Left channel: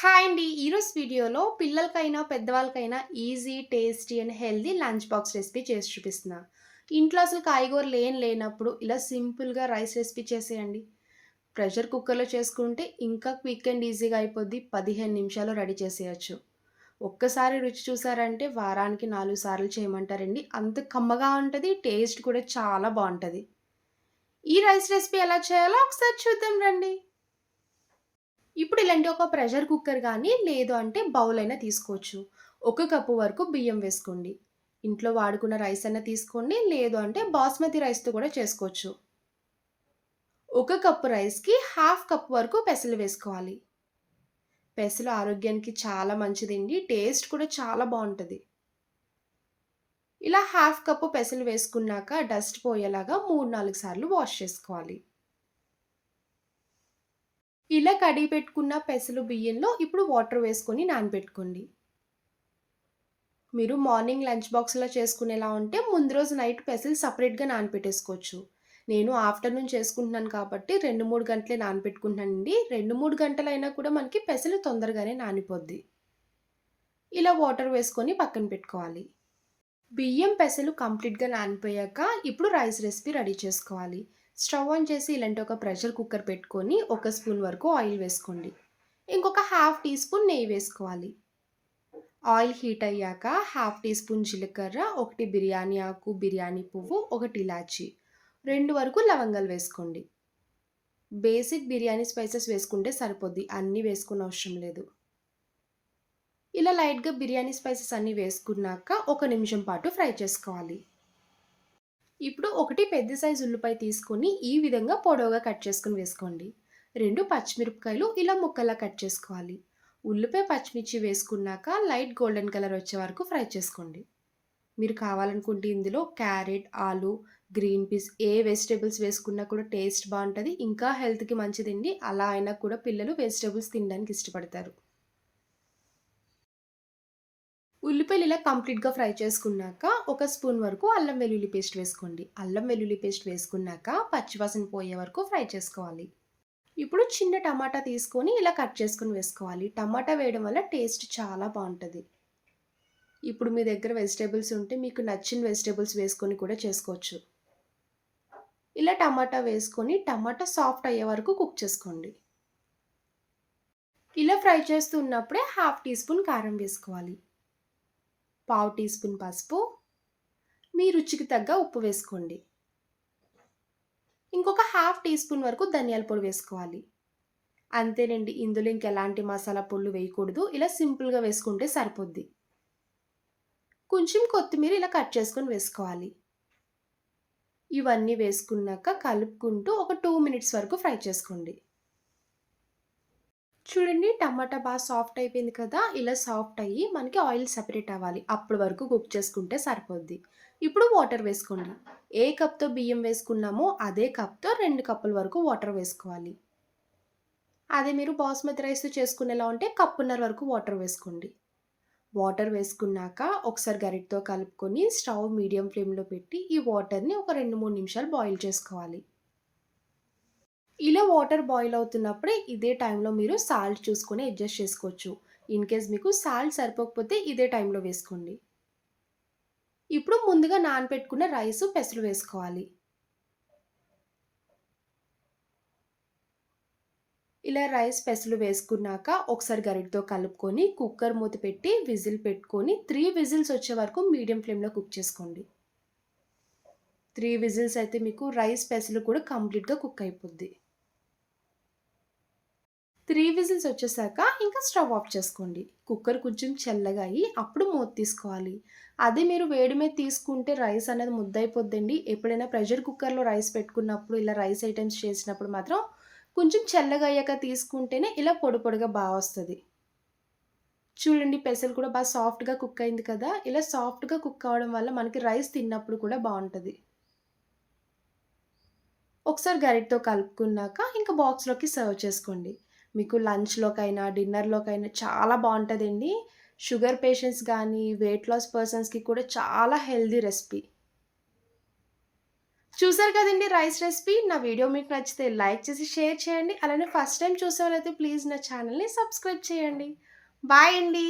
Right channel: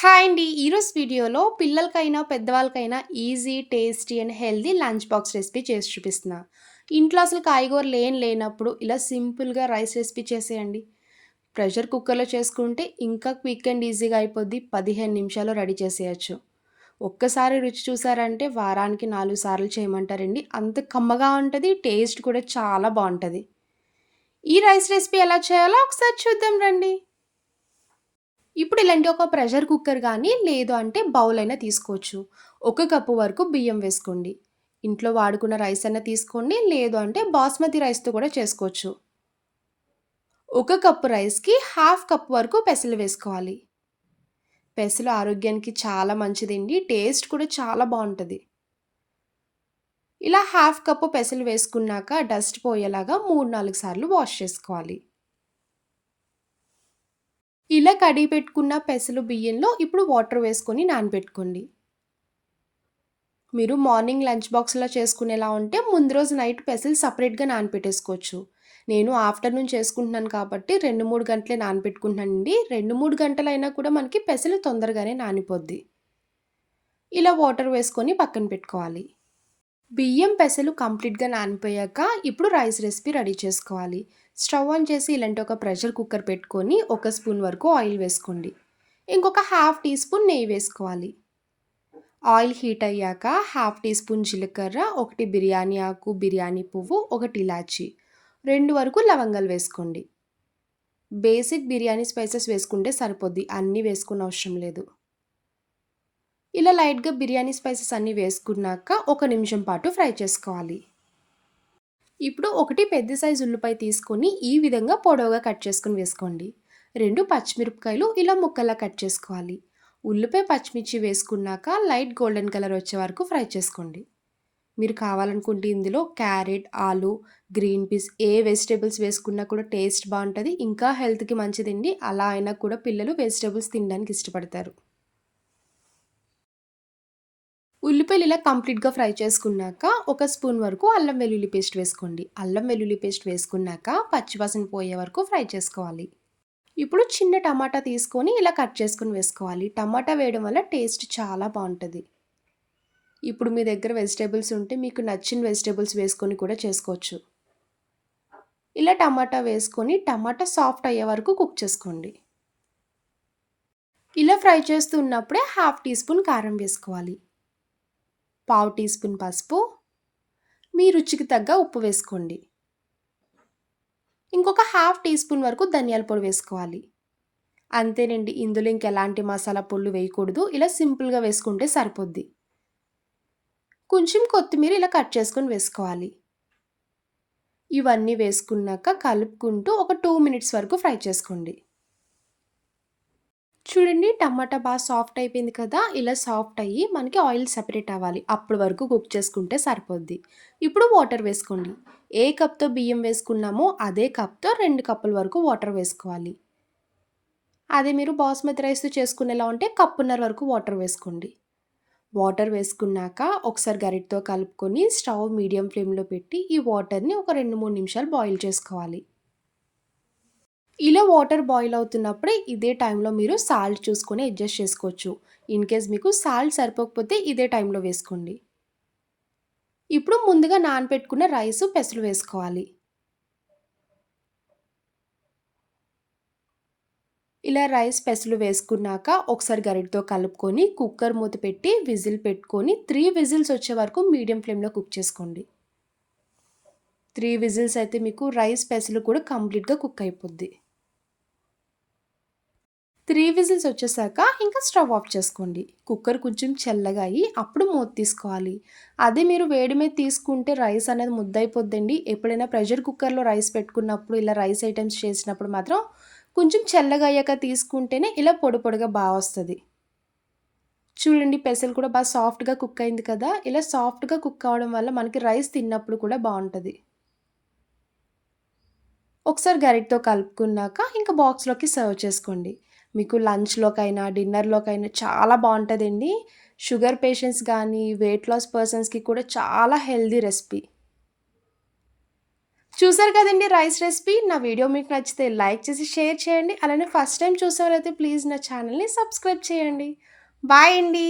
Hi అండి. ఈరోజు వీడియోలో పిల్లలకైనా, పెద్దవాళ్ళకైనా easy, tasty and healthy lunch box recipe చేసి చూపిస్తున్నా. ఇంట్లో అసలు కాయగూరలు లేనప్పుడు ఇలా సింపుల్‌గా రైస్ రెసిపీ చేసేయండి. ప్రెషర్ కుక్కర్‌లో చేసుకుంటే ఇంకా క్విక్ అండ్ ఈజీగా అయిపోద్ది. 15 నిమిషాల్లో రెడీ చేసేయొచ్చు. ఒక్కసారి రుచి చూసారంటే వారానికి 4 సార్లు చేయమంటారండి. అంత కమ్మగా ఉంటది. టేస్ట్ కూడా చాలా బావుంటది. ఈ రైస్ రెసిపీ ఎలా చేయాలో ఒకసారి చూద్దాం రండి. ఇప్పుడు ఇలాంటి ఒక ప్రెషర్ కుక్కర్ గానీ, లేదు అంటే బౌల్ అయినా తీసుకోవచ్చు. ఒక కప్పు వరకు బియ్యం వేసుకోండి. ఇంట్లో వాడుకున్న రైస్ అన్నా తీసుకోండి. లేదు అంటే బాస్మతి రైస్‌తో కూడా చేసుకోవచ్చు. ఒక కప్పు రైస్‌కి హాఫ్ కప్ వరకు పెసలు వేసుకోవాలి. పెసలు ఆరోగ్యానికి చాలా మంచిదండి. టేస్ట్ కూడా చాలా బావుంటది. ఇలా హాఫ్ కప్పు పెసలు వేసుకున్నాక డస్ట్ పోయేలాగా 3, 4 సార్లు వాష్ చేసుకోవాలి. ఇలా కడిగి పెట్టుకున్న పెసలు బియ్యంలో ఇప్పుడు వాటర్ వేసుకొని నానబెట్టుకోండి. మీరు మార్నింగ్ లంచ్ బాక్స్‌లా చేసుకునేలా ఉంటే ముందు రోజు నైట్ పెసలు సెపరేట్‌గా నానపెట్టేసుకోవచ్చు. నేను ఆఫ్టర్‌నూన్ చేసుకుంటున్నాను కాబట్టి 2, 3 గంటలే నానపెట్టుకుంటున్నానండి. 2, 3 గంటలైనా కూడా మనకి పెసలు తొందరగానే నానిపోద్ది. ఇలా వాటర్ వేసుకొని పక్కన పెట్టుకోవాలి. బియ్యం, పెసలు కంప్లీట్‌గా నానిపోయాక ఇప్పుడు రైస్ రెసిపీ రెడీ చేసుకోవాలి. స్టవ్ ఆన్ చేసి ఇలాంటి ఒక ప్రెషర్ కుక్కర్ పెట్టుకొని ఒక స్పూన్ వరకు ఆయిల్ వేసుకోండి. ఇంకొక హాఫ్ టీ స్పూన్ నెయ్యి వేసుకోవాలి. ఆయిల్ హీట్ అయ్యాక హాఫ్ టీ స్పూన్ జీలకర్ర, 1 బిర్యానీ ఆకు, బిర్యానీ పువ్వు, 1 ఇలాచీ, 2 వరకు లవంగాలు వేసుకోండి. బేసిక్ బిర్యానీ స్పైసెస్ వేసుకుంటే సరిపోద్ది. అన్నీ వేసుకోనవసరం లేదు. ఇలా లైట్‌గా బిర్యానీ స్పైసెస్ అన్నీ వేసుకున్నాక ఒక నిమిషం పాటు ఫ్రై చేసుకోవాలి. ఇప్పుడు ఒకటి పెద్ద సైజు ఉల్లిపాయ తీసుకొని ఈ విధంగా పొడవుగా కట్ చేసుకొని వేసుకోండి. 2 పచ్చిమిరపకాయలు ఇలా ముక్కల్లా కట్ చేసుకోవాలి. ఉల్లిపాయ, పచ్చిమిర్చి వేసుకున్నాక లైట్ గోల్డెన్ కలర్ వచ్చే వరకు ఫ్రై చేసుకోండి. మీరు కావాలనుకుంటే ఇందులో క్యారెట్, ఆలు, గ్రీన్ పీస్ ఏ వెజిటబుల్స్ వేసుకున్నా కూడా టేస్ట్ బావుంటది. ఇంకా హెల్త్‌కి మంచిదండి. అలా అయినా కూడా పిల్లలు వెజిటబుల్స్ తినడానికి ఇష్టపడతారు. ఉల్లిపాయలు ఇలా కంప్లీట్‌గా ఫ్రై చేసుకున్నాక, ఒక స్పూన్ వరకు అల్లం వెల్లుల్లి పేస్ట్ వేసుకోండి. అల్లం వెల్లుల్లి పేస్ట్ వేసుకున్నాక పచ్చివాసన పోయే వరకు ఫ్రై చేసుకోవాలి. ఇప్పుడు చిన్న టమాటా తీసుకొని ఇలా కట్ చేసుకొని వేసుకోవాలి. టమాటా వేయడం వల్ల టేస్ట్ చాలా బావుంటది. ఇప్పుడు మీ దగ్గర వెజిటబుల్స్ ఉంటే మీకు నచ్చిన వెజిటబుల్స్ వేసుకొని కూడా చేసుకోవచ్చు. ఇలా టమాటా వేసుకొని టమాటా సాఫ్ట్ అయ్యే వరకు కుక్ చేసుకోండి. ఇలా ఫ్రై చేస్తున్నప్పుడే హాఫ్ టీ స్పూన్ కారం వేసుకోవాలి. పావు టీ స్పూన్ పసుపు, మీ రుచికి తగ్గ ఉప్పు వేసుకోండి. ఇంకొక హాఫ్ టీ స్పూన్ వరకు ధనియాల పొడి వేసుకోవాలి. అంతేనండి. ఇందులో ఇంకెలాంటి మసాలా పొడులు వేయకూడదు. ఇలా సింపుల్‌గా వేసుకుంటే సరిపోద్ది. కొంచెం కొత్తిమీర ఇలా కట్ చేసుకొని వేసుకోవాలి. ఇవన్నీ వేసుకున్నాక కలుపుకుంటూ ఒక 2 మినిట్స్ వరకు ఫ్రై చేసుకోండి. చూడండి టమాటా సాఫ్ట్ అయిపోయింది కదా! ఇలా సాఫ్ట్ అయ్యి మనకి ఆయిల్ సెపరేట్ అవ్వాలి. అప్పటి వరకు కుక్ చేసుకుంటే సరిపోద్ది. ఇప్పుడు వాటర్ వేసుకోండి. ఏ కప్‌తో బియ్యం వేసుకున్నామో అదే కప్‌తో 2 కప్పుల వరకు వాటర్ వేసుకోవాలి. అదే మీరు బాస్మతి రైస్‌తో చేసుకునేలా ఉంటే కప్పున్నర వరకు వాటర్ వేసుకోండి. వాటర్ వేసుకున్నాక ఒకసారి గరిటెతో కలుపుకొని స్టవ్ మీడియం ఫ్లేమ్‌లో పెట్టి ఈ వాటర్‌ని ఒక 2, 3 నిమిషాలు బాయిల్ చేసుకోవాలి. ఇలా వాటర్ బాయిల్ అవుతున్నప్పుడే ఇదే టైంలో మీరు సాల్ట్ చూసుకొని అడ్జస్ట్ చేసుకోవచ్చు. ఇన్ కేస్ మీకు సాల్ట్ సరిపోకపోతే ఇదే టైంలో వేసుకోండి. ఇప్పుడు ముందుగా నానబెట్టుకున్న రైసు, పెసలు వేసుకోవాలి. ఇలా రైస్, పెసలు వేసుకున్నాక ఒకసారి గరిటెతో కలుపుకొని కుక్కర్ మూత పెట్టి విజిల్ పెట్టుకొని 3 విజిల్స్ వచ్చే వరకు మీడియం ఫ్లేమ్‌లో కుక్ చేసుకోండి. 3 విజిల్స్ అయితే మీకు రైస్, పెసలు కూడా కంప్లీట్‌గా కుక్ అయిపోద్ది. 3 విజిల్స్ వచ్చేసాక ఇంకా స్టవ్ ఆఫ్ చేసుకోండి. కుక్కర్ కొంచెం చల్లగా అయ్యి అప్పుడు మూత తీసుకోవాలి. అదే మీరు వేడి మీద తీసుకుంటే రైస్ అనేది ముద్దయిపోద్దండి. ఎప్పుడైనా ప్రెషర్ కుక్కర్‌లో రైస్ పెట్టుకున్నప్పుడు ఇలా రైస్ ఐటెమ్స్ చేసినప్పుడు మాత్రం కొంచెం చల్లగా అయ్యాక తీసుకుంటేనే ఇలా పొడి పొడిగా వస్తది. చూడండి పెసలు కూడా సాఫ్ట్‌గా కుక్ అయింది కదా! ఇలా సాఫ్ట్‌గా కుక్ అవ్వడం వల్ల మనకి రైస్ తిన్నప్పుడు కూడా బావుంటది. ఒకసారి గరిటెతో కలుపుకున్నాక ఇంక బాక్స్‌లోకి సర్వ్ చేసుకోండి. మీకు లంచ్‌లోకైనా, డిన్నర్‌లోకైనా చాలా బావుంటదండి. షుగర్ పేషెంట్స్ గానీ, వెయిట్ లాస్ పర్సన్స్‌కి కూడా చాలా హెల్తీ రెసిపీ. చూసారు కదండీ రైస్ రెసిపీ. నా వీడియో మీకు నచ్చితే లైక్ చేసి, షేర్ చేయండి. అలానే ఫస్ట్ టైమ్ చూసేవారైతే ప్లీజ్ నా ఛానెల్‌ని సబ్స్క్రైబ్ చేయండి. బాయ్ అండి.